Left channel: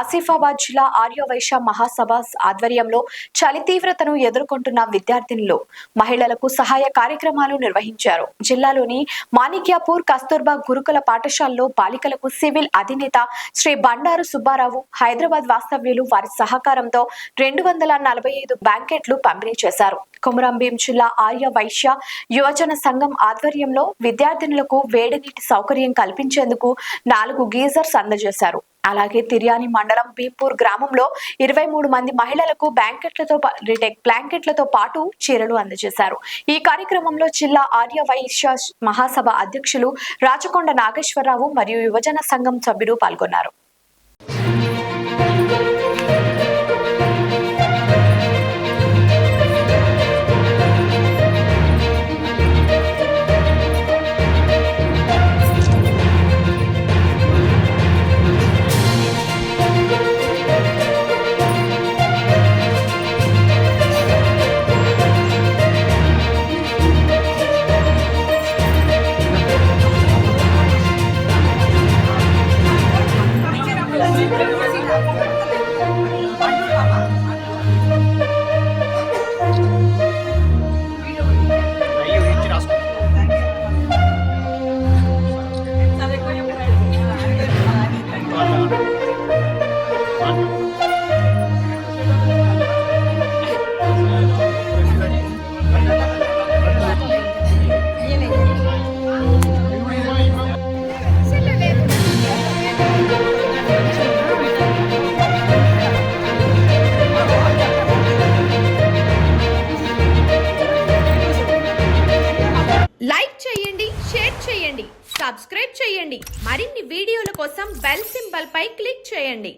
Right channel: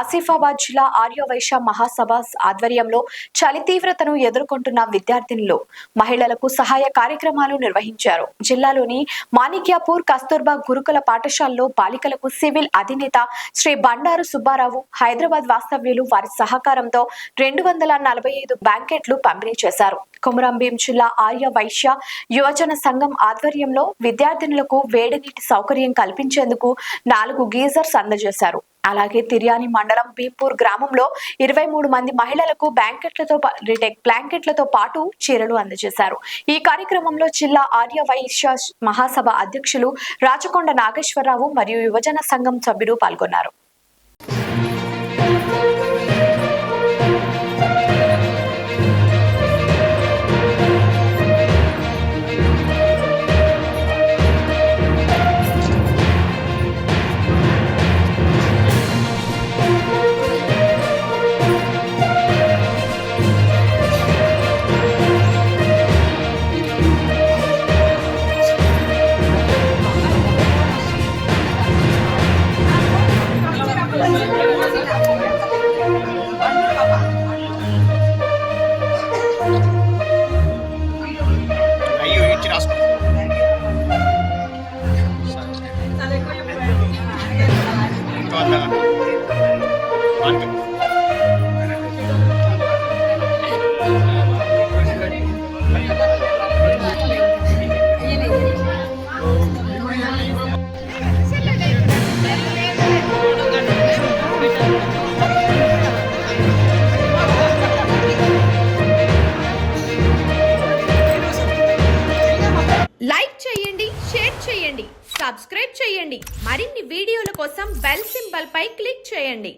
ఆసిఫాబాద్ జిల్లా ఆర్యవైశ్య మహాసభ ఆధ్వర్యంలో చలి తీవ్రతను ఎదుర్కొంటున్న విద్యార్థినులు మహిళలకు సహాయ కార్యక్రమాలు నిర్వహించారు. జిల్లాలోని మాణిక్యాపూర్ కస్తూర్బా గురుకుల పాఠశాలలో బాలికలకు సివిల్ అధినేత శ్రీ బండారు సుబ్బారావు హైదరాబాద్ వాస్తవ్యులు వారి సహకారంతో 245 బ్లాంకెట్లు పంపిణీ చేశారు. కొమరంభీం జిల్లా ఆర్యవైశ్య యువజన సంఘం ఆధ్వర్యంలో విద్యార్థినులకు వేడి నీటి సౌకర్యం కల్పించేందుకు 4 గీజర్స్ అందజేశారు. అలాగే తిర్యాని మండలం భీంపూర్ గ్రామంలో 23 మంది మహిళలకు బ్లాంకెట్లతో పాటు చీరలు అందజేశారు. ఈ కార్యక్రమంలో జిల్లా ఆర్యవైశ్య మహాసభ అధ్యక్షులు రాచకొండ నాగేశ్వరరావు మరియు యువజన సంఘం సభ్యులు పాల్గొన్నారు. లైక్ చేయండి, షేర్ చేయండి, సబ్స్క్రైబ్ చేయండి. మరిన్ని వీడియోల కోసం బెల్ సింబల్ పై క్లిక్ చేయండి.